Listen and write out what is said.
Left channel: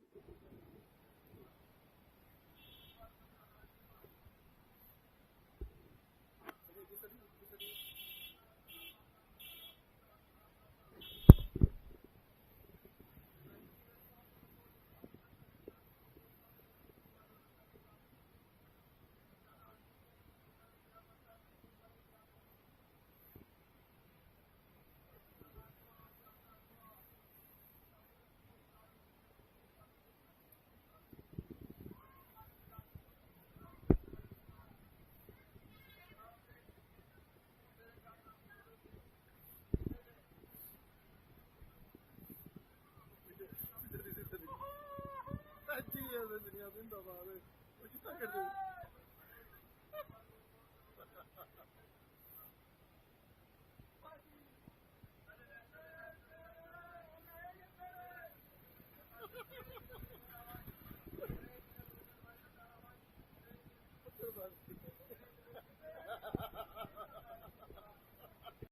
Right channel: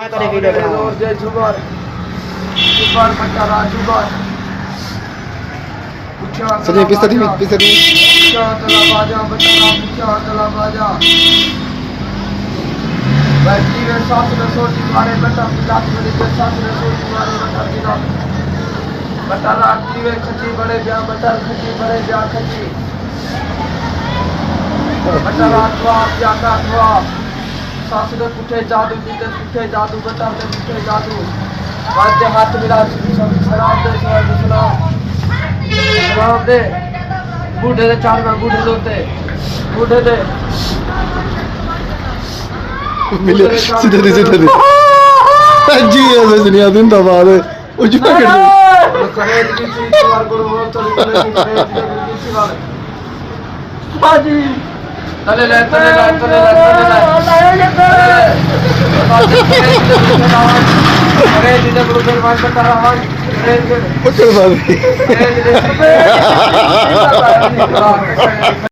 जय जुबार जुबार बटारा जुबार सजे पिस्ता दी मुख्या तला बाजा बटारा मुख्या तला बाजा बैठी में सास में सोटी मारे बटा पिलात में के सास में सोटी मारे बटा पिला बटारा आटी में खची बड़े ब्याह बटार खची बड़े ब्याह खची बटारा अथवा ब्याह का अथवा सास ने पुठे जादू दीते पुठे जादू बताते पुठे जादू वाद्य हाथ मिला सलाम दे सलाम दे बूढ़े दे चार में बूढ़े होते बूढ़े दे मिले सीधे जी ऐसे दुनिया दिन दबाद ओ जुटा कर करे की चीज बार गुरु हो तो करे की चीज बार बाजी तले ले अरे जिधर गुरु फिर मान बता रहा हूँ पकड़ बात